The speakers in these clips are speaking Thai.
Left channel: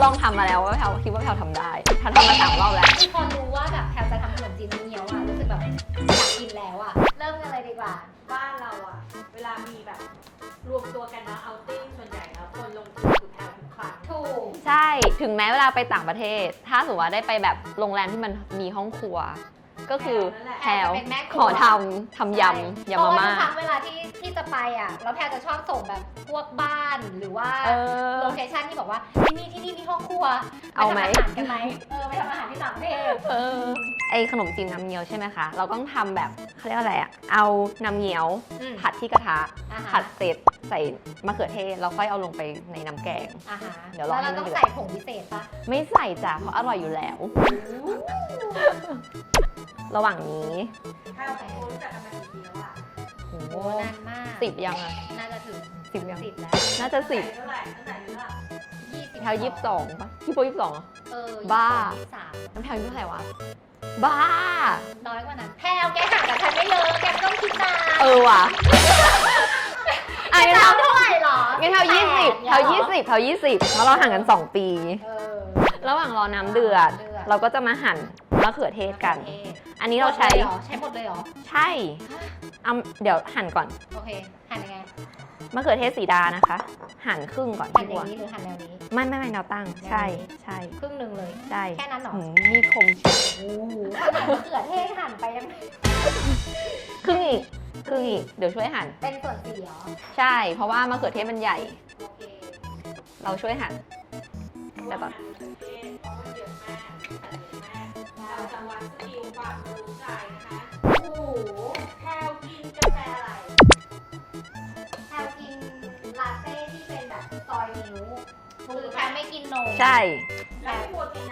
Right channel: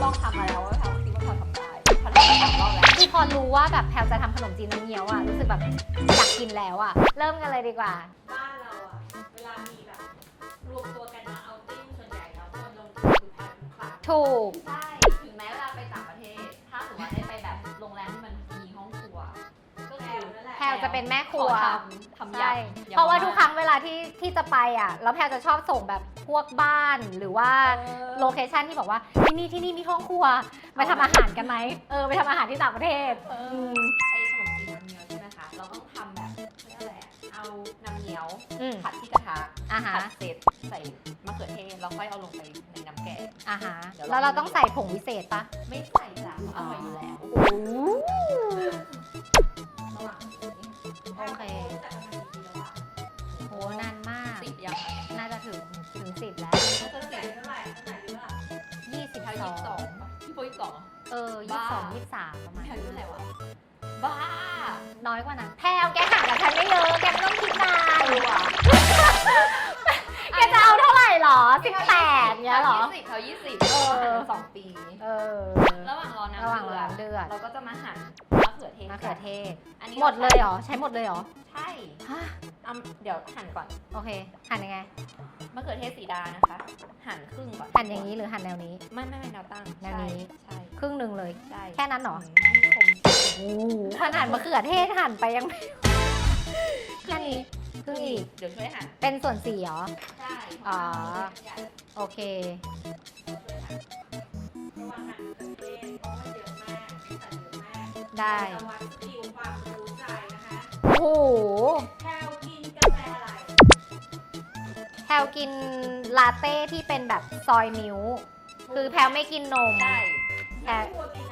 องทำมาแล้วว่าแพลคิดว่าแพลทำได้ทำมา3 รอบแล้วคือพอรู้ว่าแบบแพลจะทำขนมจีนน้ำเงี้ยวอ่ะรู้สึกแบบอยากกินแล้วอ่ะเริ่มกันเลยดีกว่าบ้านเราอ่ะเวลามีแบบรวมตัวกันเนาะเอาติ้งส่วนใหญ่แล้วคนลงทุนคือแพลทุกครั้งถูกใช่ถึงแม้เวลาไปต่างประเทศ ถ้าสมมติว่าได้ไปแบบโรงแรมที่มันมีห้องครัว ก็คือแพลจะเป็นแม่ครัวขอทำยำเพราะมาว่าทุม่ากครั้งเวลาที่จะไปอ่ะแล้วแพลจะชอบส่งแบบพวกบ้านหรือว่าโลเคชั่นที่บอกว่าที่นี่มีห้องครัวไปทำอาหารกันไหมไปทำอาหารที่ต่างประเทศไอขนมจีนน้ำเงี้ยวใช่ไหมคะเราต้องทำแบบเขาเรียกอะไรอะเอาน้ำเงี้ยว ผัดที่กระทะผัดเสร็จใส่มะเขือเทศแล้วค่อยเอาลงไปในน้ำแกงเดี๋ยวเราต้องใส่ผงพิเศษปะไม่ใส่จ้ะเพราะอร่อยอยู่แล้วระหว่างนี้โอ้นานมาก 10 ยังอะน่าจะถึง 10 ยัง 10แล้วน่าจะ10แพล22ป่ะพี่โป้22เหรอบ้า 23 น้ำแพลอายุเท่าไหร่วะบ้าน้อยกว่านั้นแพลแกห่างกับฉันไม่เยอะแกต้องคิดมาว่ะแกจะเอาเท่าไหร่หรองั้นแพล20เพราะเราห่างกัน2 ปีระหว่างรอน้ำเดือดเราก็จะมาหั่นมะเขือเทศกันอันนี้เราใช้หมดเลยเหรอใช่เดี๋ยวหั่นก่อนโอเคหั่นยังไงมะเขือเทศสีดานะคะหั่นครึ่งก่อนหั่นอย่างนี้หรือหั่นแนวนี้ไม่แนวตั้งใช่ครึ่งนึงเลยใช่แค่นั้นหรอมีคมขนาดมะเขือเทศหั่นไปยังครึ่งอีกเดี๋ยวช่วยหั่นเป็นส่วน4เหรอใช่เพราะว่ามะเขือเทศมันใหญ่โอเคเราช่วยหั่นแบบก่อนได้โอ้โหแพลกินกาแฟอะไรแพลกินลาเต้ที่เป็นแบบซอยมิ้วคือแพลไม่กินนมใช่แล้ว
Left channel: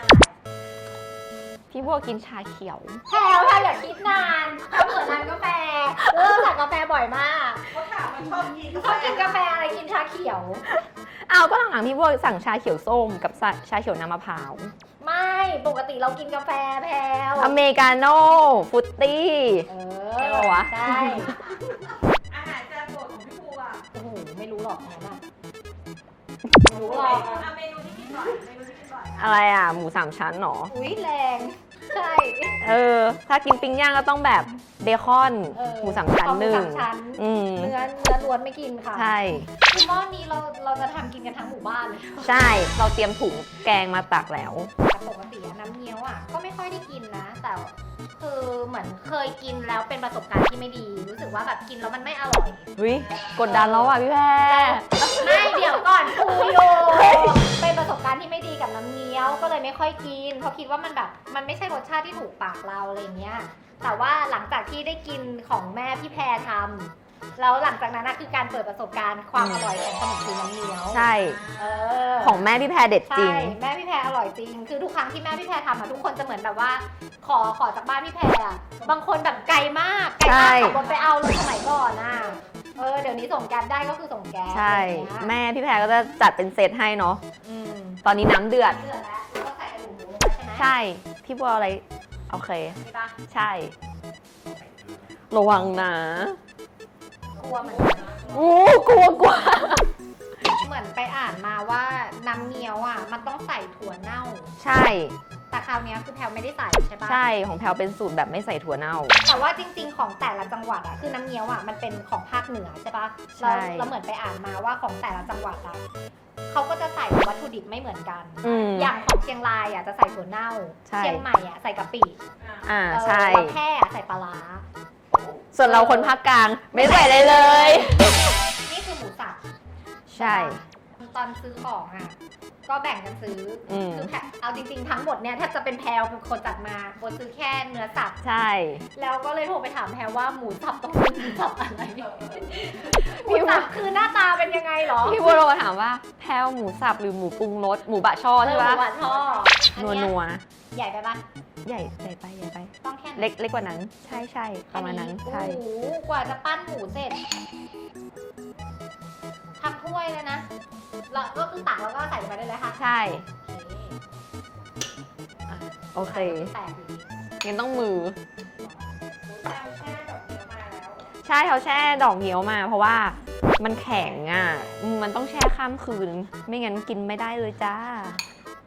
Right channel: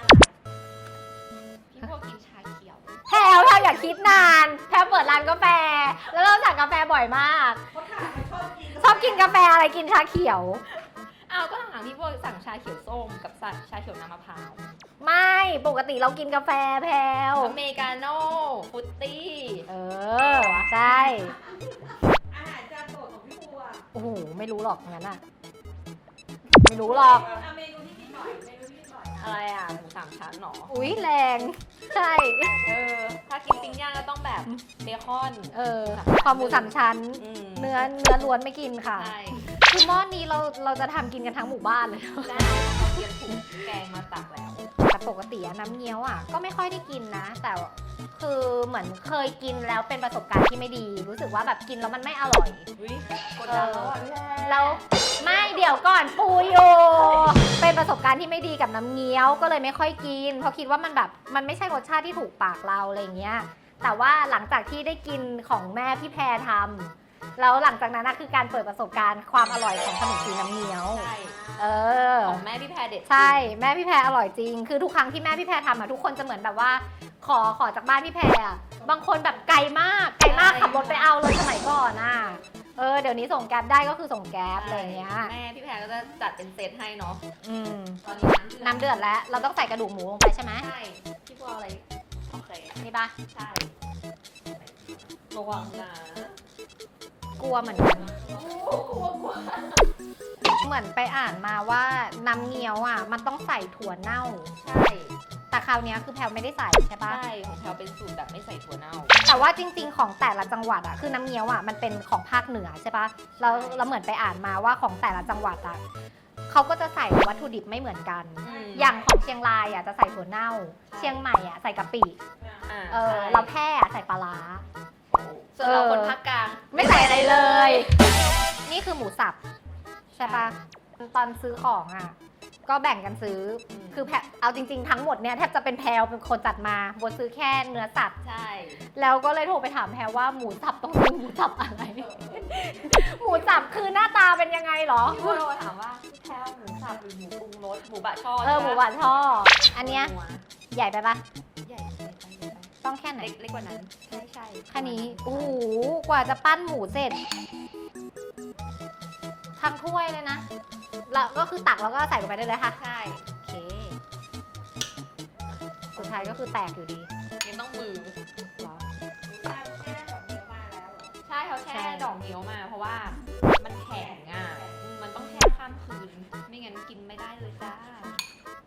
พี่บัวกินชาเขียวแพลอย่าคิดนานแพลเปิดร้านกาแฟแล้วเราสั่งกาแฟบ่อยมากชอบกินกาแฟอะไรกินชาเขียวก็หลังๆพี่บัวสั่งชาเขียวส้มกับชาเขียวน้ำมะพร้าวไม่ปกติเรากินกาแฟแพลอเมริกาโน่ฟรุตตี้วะใช่อาหารจานโปรดของพี่บัวโอ้โหไม่รู้หรอกงั้นอ่ะไม่รู้หรอกเมนูที่กินบ่อยอะไรหมู3 ชั้นหรออุ้ยแรงใช่ถ้ากินปิ้งย่างก็ต้องแบบเบคอนหมู3 ชั้นหมู3 ชั้นเนื้อล้วนไม่กินค่ะใช่คือหม้อนี้เราจะทำกินกันทั้งหมู่บ้านเลยใช่เราเตรียมถุงแกงมาตักแล้วแต่ปกติน้ำเงี้ยวก็ไม่ค่อยได้กินนะแต่คือเหมือนเคยกินแล้วเป็นประสบการณ์ที่ไม่ดีรู้สึกว่าแบบกินแล้วมันไม่อร่อยกดดันแล้วพี่แพรไม่เดี๋ยวก่อนคุยอยู่เป็นประสบการณ์ที่ไม่ดีกับน้ำเงี้ยวก็เลยไม่ค่อยกินเพราะคิดว่ามันแบบมันไม่ใช่รสชาติที่ถูกปากเราอะไรเงี้ยแต่ว่าหลังจากที่ได้กินของแม่พี่แพรทำแล้วหลังจากนั้นคือการเปิดประสบการณ์ความอร่อยของขนมจีนน้ำเงี้ยวใช่ของแม่พี่แพรเด็ดจริงใช่แม่พี่แพรอร่อยจริงคือทุกครั้งที่แม่พี่แพรทำทุกคนจะเหมือนแบบว่าขอจากบ้านพี่แพรบางคนแบบไกลมากขับรถไปเอาเลยสมัยก่อนเดี๋ยวนี้ส่งแก๊สได้ก็คือส่งแก๊สใช่แม่พี่แพรก็จะจัดเป็นเซตให้เนาะตอนนี้น้ำเดือดแล้วเราต้องใส่กระดูกหมูลงไปใช่ไหมใช่พี่บัวอะไรโอเคใช่ปะใช่ระวังนะกลัวเหมือนกันกลัวเหมือนไปอ่านมาว่าน้ำเงี้ยวมันต้องใส่ถั่วเน่าใช่แต่คราวนี้คือแพลไม่ได้ใส่ใช่ปะใช่ของแพลเป็นสูตรแบบไม่ใส่ถั่วเน่าแต่ว่าจริงๆของแต่ละจังหวัดคือน้ำเงี้ยวมันเป็นของภาคเหนือใช่ปะแล้วเหมือนไปอ่านมาว่าของแต่ละจังหวัดเขาก็จะใส่วัตถุดิบไม่เหมือนกันอย่างของเชียงรายจะใส่ถั่วเน่าเชียงใหม่ใส่กะปิใช่แพร่ใส่ปลาร้าส่วนเราคนภาคกลางไม่ใส่อะไรเลยนี่คือหมูสับใช่ตอนซื้อของก็แบ่งกันซื้อคือแพเอาจริงๆทั้งหมดเนี่ยแทบจะเป็นแพลเป็นคนจัดมาบนซื้อแค่เนื้อสับใช่แล้วก็เลยโทรไปถามแพลว่าหมูสับต้องเป็นหมูสับอะไรหมูสับคือหน้าตาเป็นยังไงหรอพี่บัวโทรถามว่าแพลหมูสับหรือหมูปรุงรสหมูบะช่อใช่ปะหมูบะช่ออันนี้ใหญ่ไปปะใหญ่ไปต้องแค่เล็กกว่านั้นใช่ประมาณนั้นโอ้โหกว่าจะปั้นหมูเสร็จทั้งถ้วยเลยนะแล้วก็คือตักแล้วก็ใส่ไปได้เลยค่ะใช่โอเคแตกอยู่ดียังต้องมือใช่เขาแช่ดอกเงี้ยวมาเพราะว่ามันแข็งมันต้องแช่ข้ามคืนไม่งั้นกินไม่ได้เลยจ้า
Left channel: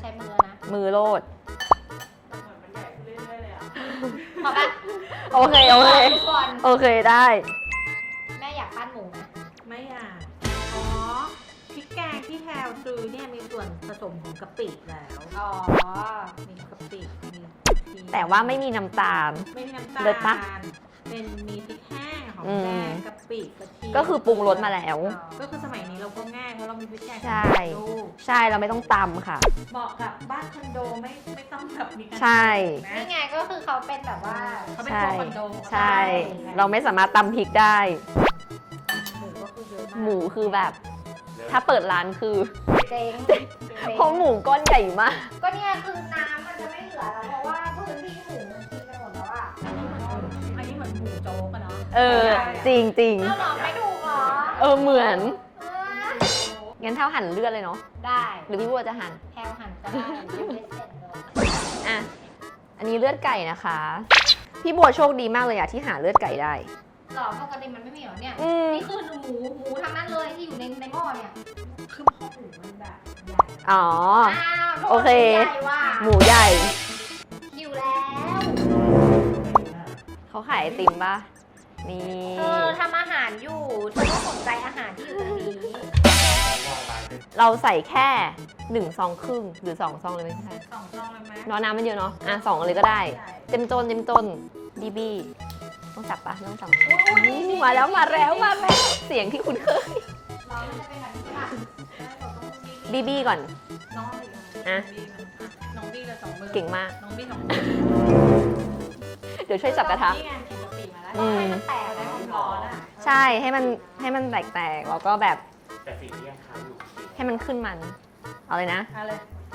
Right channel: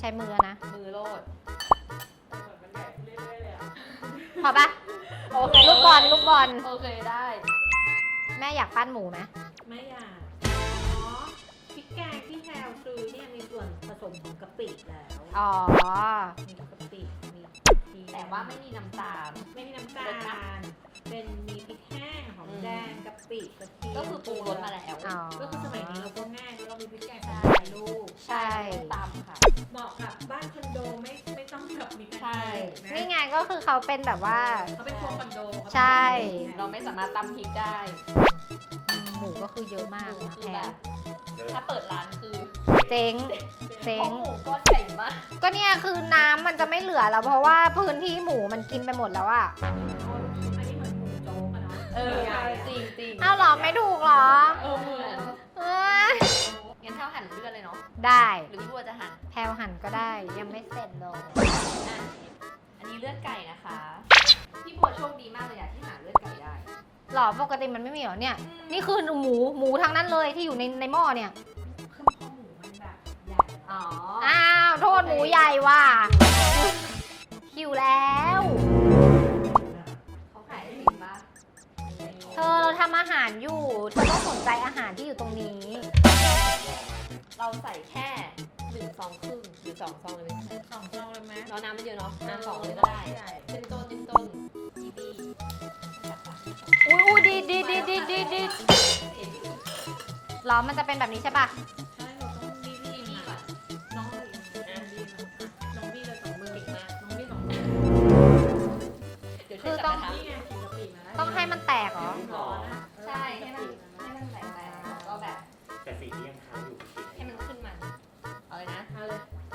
ช้มือแล้วนะมือโลดเหมือนมันใหญ่ขึ้นเรื่อยๆเลยอ่ะพอปะโอเคโอเคลูกบอลโอเคได้แม่อยากปั้นหมูไหมไม่อยากอ๋อพริกแกงที่แพลวซื้อเนี่ยมีส่วนผสมของกะปิแล้วอ๋อมีกะปิมีแต่ว่าไม่มีน้ำตาลไม่มีน้ำตาลเลิศปะเป็นมีพริกแห้งหอมอืแดมงกะปิกระเทียมก็คือปรุงรสมาแล้วอ๋อก็คือสมัยนี้เราก็ง่ายเพราะเรามีพริกแกงใช่ลูกใช่เราไม่ต้องตำค่ะบอกแบบบ้านคอนโดไม่ต้องแบบมีการใช่นะนี่ไงก็คือเขาเป็นแบบว่าเขาเป็นครัวคอนโดใช่ เราไม่สามารถตำพริกได้หมูก็คือเยอะมากหมูคือแบบ ถ้าเปิดร้านคือเจ๊งเพราะหมูก้อนใหญ่มากก็เนี่ยคือน้ำมันจะไม่เหลือแล้วเพราะว่าพื้นที่หมูมันกินไปหมดแล้วอะอันนี้เหมือนหมูโจ๊กอะเนาะเออ จริงจริงเอาหรอไม่ถูกเหรอเออเหมือนเอ้ยงั้นเท่าหั่นเลือดเลยเนาะได้หรือพี่บัวจะหั่นแพลวหั่นก็ได้ยังไม่เสร็จเลยอ่ะ อันนี้เลือดไก่นะคะ พี่บัวโชคดีมากเลยอะที่หาเลือดไก่ได้หรอปกติมันไม่มีเหรอเนี่ยอืมนี่คือหมูทั้งนั้นเลยที่อยู่ในหม้อเนี่ยคือพอหมูมันแบบใหญ่อ๋ออ้าวโทโอษหเคมูใหญ่ว่ะหมูใหญ่หิวแล้วเขาขายไอติมป่ะ นี่ทำอาหารอยู่เธอต้องสนใจอาหารที่อยู่ตรงนี้เราใส่แค่1 ซองครึ่งหรือ2 ซองเลยไหมพี่แพรสองซองเลยไหมเนาะน้ำมันเยอะเนาะ อ่ะ2เลยก็ได้ เต็มต้นบีบีต้องจับปะไม่ต้องจับอู้ดีมาแล้วมาแล้วเสียงที่คุณเคยล้อมันจะเป็นแบบนี้ใช่ปะบีก่อนน้องอ่ะน้องบี้ละ2 มือเก่งมากน้องบี้2 มือเดี๋ยวช่วยจับกระทะนี่ไงเห็นกะปิมาแล้วต้องให้มันแตกเหรอร้อนอ่ะใช่ให้มันแตกๆแล้วก็แบบแต่สิ่งที่ยังค้างอยู่ให้มันขึ้นมัน เอาเลยนะเอาเลย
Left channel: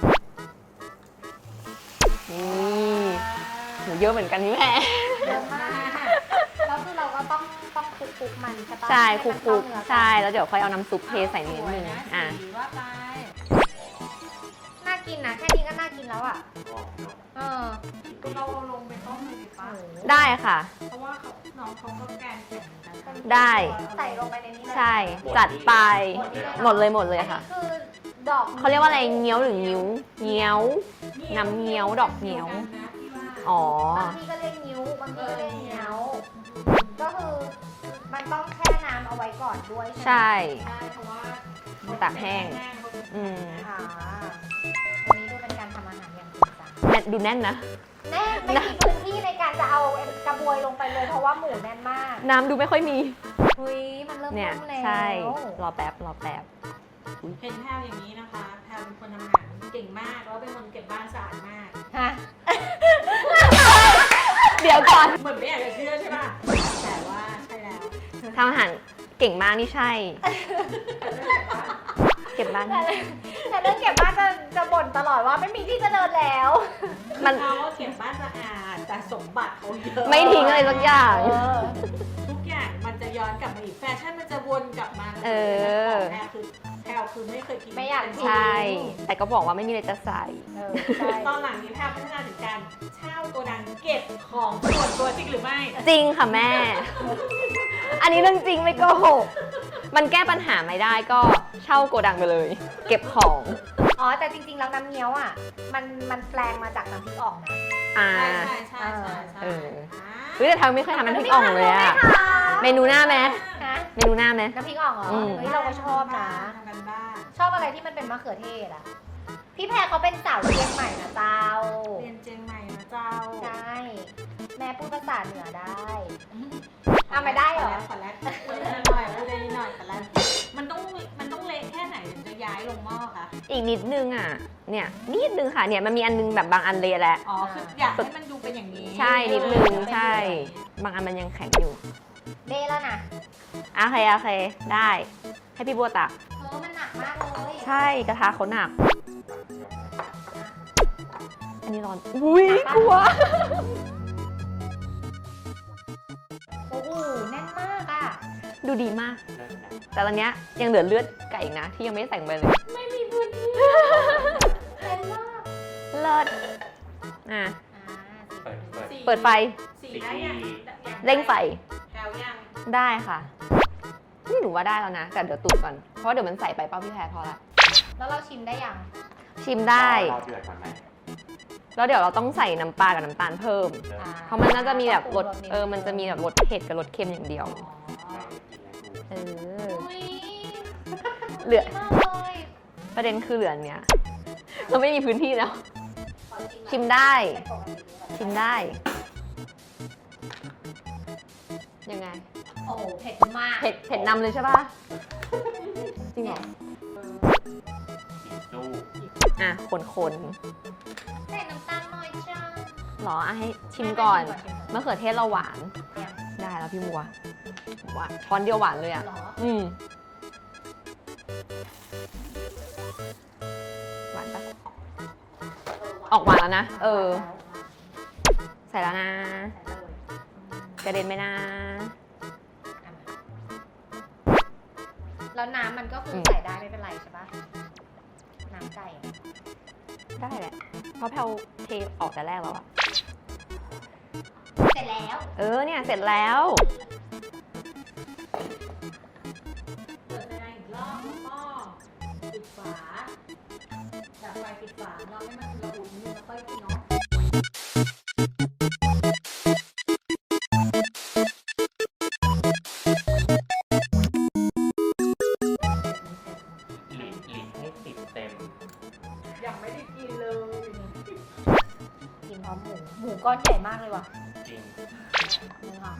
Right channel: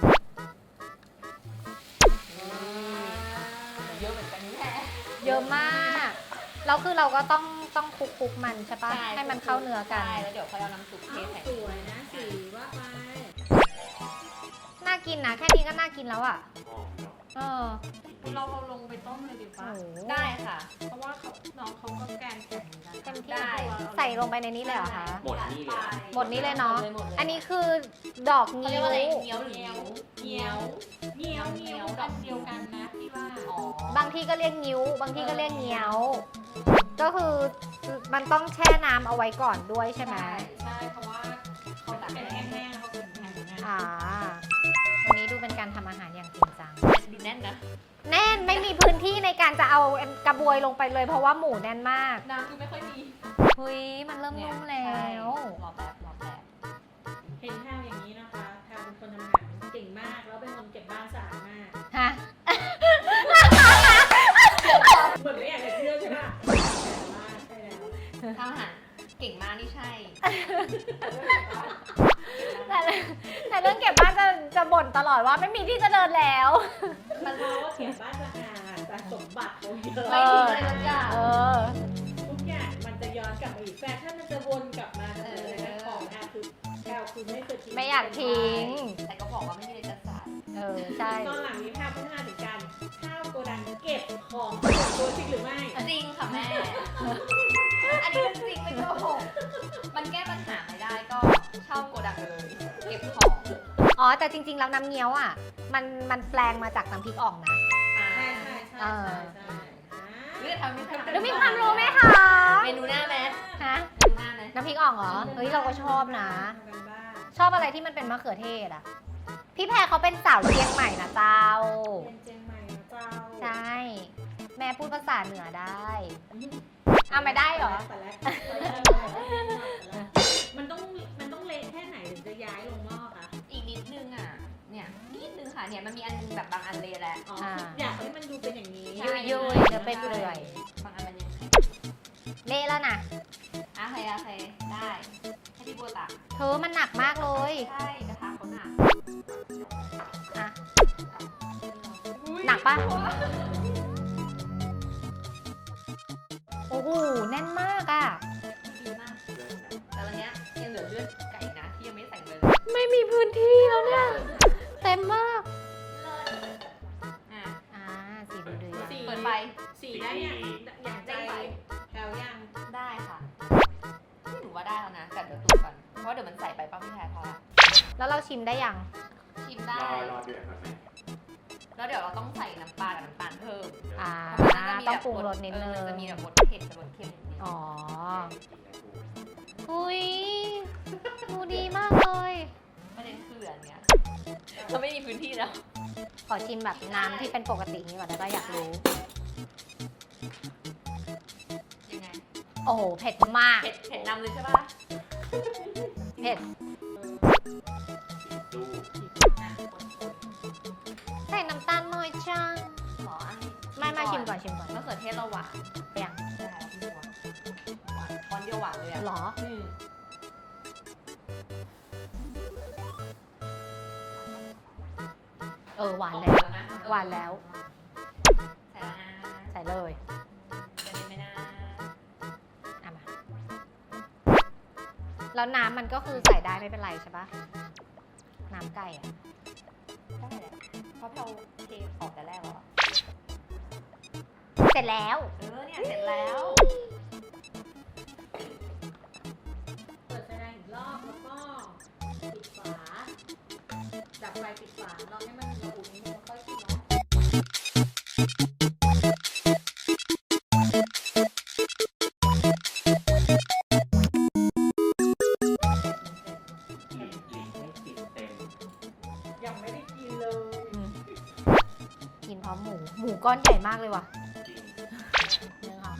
หนูเยอะเหมือนกันพี่แพรเยอะมาก แล้วคือเราก็ต้องคลุกมันใช่ปะใช่ห้คลุมันกเข้าเนื้อกันใช่ แล้วเดี๋ยวค่อยเอาน้ำซุปเทใส่นิดนึงนะอ่ะสีว่าไปน่ากินนะแค่นี้ก็น่ากินแล้วอ่ะ เออคือเราลงไปต้มเลยดีป่ะได้ค่ะเพราะว่าน้องเขาก็แกนแข็งเหมือนกันได้ใส่ลงไปในนี้เลยใช่ จัดไปหมดนี้เลยเนาะหมดเลยอันนี้ค่ะคือดอกเขาเรียกว่าอะไรเงี้ยวหรืองิ้วเงี้ยว น้ำเงี้ยวดอกเงี้ยว อ๋อบางที่ก็เรียกนิ้ว บางที่ก็เรียกเงี้ยว ก็คือมันต้องแช่น้ำเอาไว้ก่อนด้วยใช่ไหมใช่ใช่เพราะว่ามันตากแห้ง อืมอ่าอันนี้ดูเป็นการทำอาหารอย่างจริงจังดูแน่นนะแน่นไม่มีพื้นที่ในการจะเอากระบวยลงไปเลยเพราะว่าหมูแน่นมากน้ำดูไม่ค่อยมีเฮ้ยมันเริ่มเนี่ยนุ่มแล้วใช่ รอแป๊บเห็นแพลอย่างนี้นะคะแพลเป็นคนทำอาหารเก่งมากแล้วเป็นคนเก็บบ้านสะอาดมากฮะเดี๋ยวก่อนเหมือนไม่อยากจะเชื่อใช่ป่ะแต่ว่าใช่แล้วทำอาหารเก่งมากนี่ใช่ เก็บบ้านแต่เรื่องเก็บบ้านจะบ่นตลอดว่าไม่มีที่จะเดินแล้วมันเขาก็เก็บบ้านสะอาดแต่สมบัติเขาเยอะไม่ทิ้งอะไรสักอย่างทุกอย่างมันจะย้อนกลับมาอีกแฟชั่นมันจะวนกลับมาเออแพลคือไม่เคยกินไม่อยากทิ้ใช่ แต่ก็บอกว่าไม่มีอะไรจะใส่ใช่ตอนหลังนี้แพลพัฒนาถึงการเช่าโกดังเก็บของตัวจริงหรือไม่จริงค่ะแม่ อันนี้เรื่องจริงไม่โกหก มันแก้ปัญหาไม่ได้ก็เช่าโกดังไปเลย เก็บของอ๋อแต่จริงๆแล้วน้ำเงี้ยวอ่ะมันแปลงมาจากน้ำพริกอ่องนะอ่าใช่เออ เฮ้ยแต่เธอไม่เคยทำน้ำพริกอ่องเลยอะไม่ทเมนูหน้าไหมำฮะเมนูหน้าไหมน้ำพริกอ่องเหรออืมเฮ้ยเราก็ชอบนะทำกันบ้านชอบอะไรที่มันเป็นมะเขือเทศอ่ะ พี่แพรเขาเป็นสาวเชียงใหม่นะเจ้าเรียนเจียงใหม่นะเจ้าใช่ แม่พูดภาษาเหนือได้เอาไม่ได้เหรอขอแรกขอแรกขอแรกขอแรกหน่อยขอแรกมันต้องเละแค่ไหนถึงจะย้ายลงหม้อคะอีกนิดนึงอ่ะ เนี่ยนิดนึงค่ะ เนี่ยมันมีอันนึงแบบบางอันเลยแหละอ๋อคืออยากให้มันดูเป็นอย่างนี้ใช่นิดนึงใช่ บางอันมันยังแข็งอยู่เละแล้วนะโอเค ได้ ให้พี่บัวตักเธอมันหนักมากเลยใช่กระทะเขาหนัก อันนี้ร้อน อุ้ยหนักปะบัวโอ้โหแน่นมากอ่ะดูดีมาก แต่ตอนเนี้ยยังเหลือเลือดไก่นะ ที่ยังไม่ได้ใส่ลงไปเลยไม่มีพื้นที่ เต็มมากเลิศอ่ะสีเปิดไฟสีได้ยังเร่งไฟแถวยังได้ค่ะนี่หนูว่าได้แล้วนะ แต่เดี๋ยวตูดก่อน เพราะเดี๋ยวมันใส่ไปเป้าพี่แพรพอละแล้วเราชิมได้ยังชิมได้รอเดือดก่อนไหมแล้วเดี๋ยวเราต้องใส่น้ำปลากับน้ำตาลเพิ่มอ่เพราะมันน่าจะมีแบบรสต้องปรุงนิดมันจะมีแบบรสเผ็ดกับรสเค็มอย่างเดียวอ๋อเอออุ้ยเหลือดีมากเลยประเด็นคือเหลืออันเนี้ยเราไม่มีพื้นที่แล้วขอชิมแบบชิมได้เป็นปกตินี้ก่อนได้ชิไหมได้ ยังไงโอ้เผ็ดมากเผ็ดนำเลยใช่ปะจริงเหรอตู้อ่ะคนใส่น้ำตาลน้อยจังๆหรออ่ะให้ชิมก่อนชิมก่อนมะเขือเทศเราหวานอย่างได้แล้วพี่บัวหวานช้อนเดียวหวานเลยอ่ะเหรอหวานปะหวานออกหวานแล้วนะหวานแล้วใส่แล้วนะใส่เลยกระเด็นไหมนะทำไมแล้วน้ำมันก็คือมใส่ได้ไม่เป็นไรใช่ปะน้ำไก่ได้แหละ เพราะแพลวเทออกแต่แรกแล้วอะเสร็จแล้วเนี่ยเสร็จแล้วเปิดไฟแรงอีกรอบแล้วก็ปิดฝาดับไฟปิดฝาเราให้มันอุณหภูมินิดนึงแล้วค่อยกินเนาะลิ้นให้ติดเต็มยังไม่ได้กินเลยกินพร้อมหมูก้อนใหญ่มากเลยว่ะจริง 1 2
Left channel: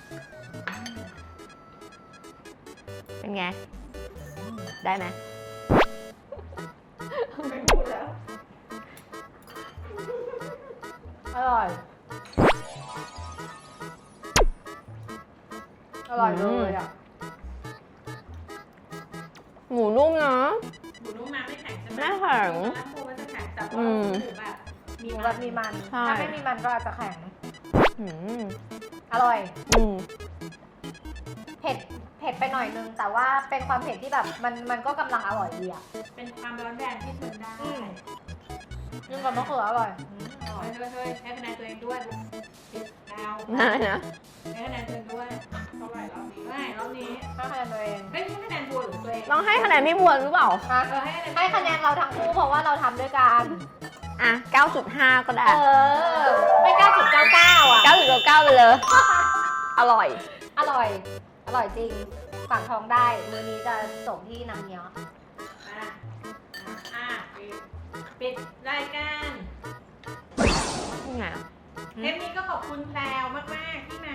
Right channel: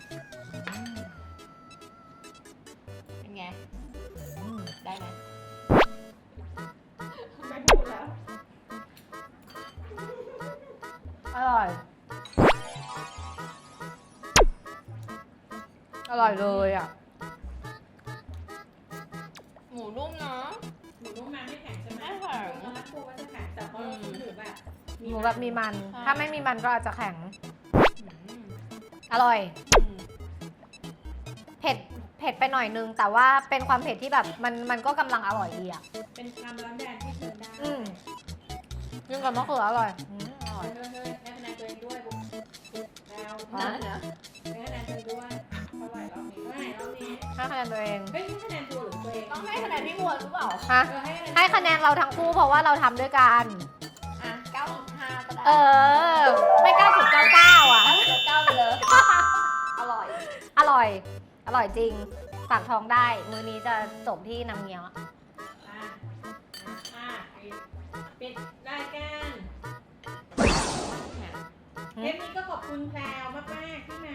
เป็นไง ได้ไหมไม่พูดแล้ว 5อร่อย อร่อยเลยอ่ะหมูนุ่มเนาะหมูนุ่มมาไม่แข็งใช่ไหมไม่แข็งตอนแรกกลัวมันจะแข็งแต่ว่าอืมหมูแบบหมูแบบมีมันใช่ถ้าไม่มีมันก็อาจจะแข็งอืมอร่อยอืมเผ็ดไปหน่อยนึง แต่ว่าเป็นความเผ็ดที่แบบมันก็กำลังอร่อยดีอ่ะเป็นความร้อนแรงที่ทนได้นึ่งกับมะเขืออร่อยเฮ้ยให้คะแนนตัวเองด้วยเอาได้นะให้คะแนนตัวเองด้วยเท่าไหร่รอบนี้เท่าไหร่รอบนี้ให้คะแนนตัวเองไม่ให้คะแนนตัวหรือตัวเองลองให้คะแนนพี่บัวหรือเปล่าฮะให้ให้คะแนนเราทั้งคู่เพราะว่าเราทำด้วยกันอ่ะ 9.5 ก็ได้ไม่9.99อ่ะ 9.9ไปเลย อร่อยอร่อย อร่อยจริงฝากท้องได้ มื้อนี้จะจบที่น้ำเงี้ยวปิดรายการไงเทปนี้ก็ขอบคุณแพรวมากๆที่มา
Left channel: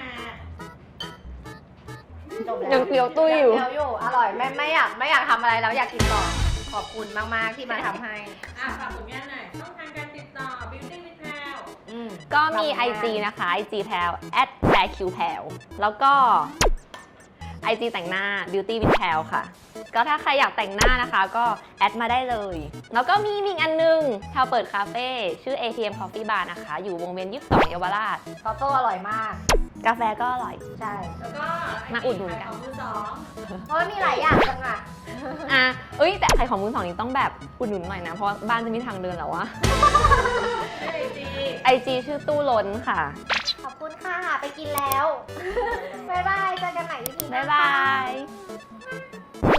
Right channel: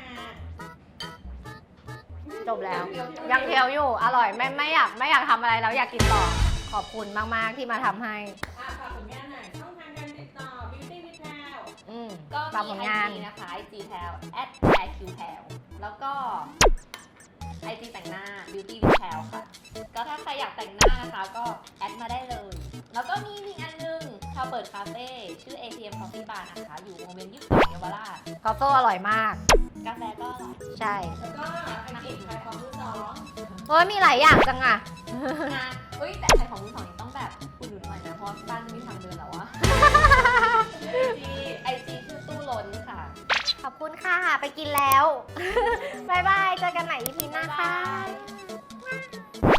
จบแล้วยังเคี้ยวตุ้ยยังอยู่เคี้ยวอยู่ อร่อยไม่อยากทำอะไรแล้วอยากกินต่อ ขอบคุณมากๆที่มาทำให้ฝากผลงานหน่อยช่องทางการติดต่อ Beauty with แพรวก็มี IG นะคะ IG แพลว @PairQPail แล้วก็ IG แต่งหน้า Beauty with แพลวค่ะ ก็ถ้าใครอยากแต่งหน้านะคะ ก็แอดมาได้เลย แล้วก็มีอีกอันนึงแพลวเปิดคาเฟ่ชื่อ ATM Coffee Bar นะคะ อยู่วงเวียน22 เยาวราชเขาโต้อร่อยมากกาแฟก็อร่อยใช่แล้วก็มาอุดหนุนกันของมือสองเพราะว่ามีหลายอย่างจังอ่ะแต่ใครของมือสองนี่ต้องแบบอุดหนุนหน่อยนะ เพราะบ้านจะมีทางเดินแล้วอะ IG ชื่อตู้ล้นค่ะขอบคุณค่ะ ไปกินแล้ว บ๊ายบาย เจอกันใหม่ EP หน้าบ๊ายบาค่ะย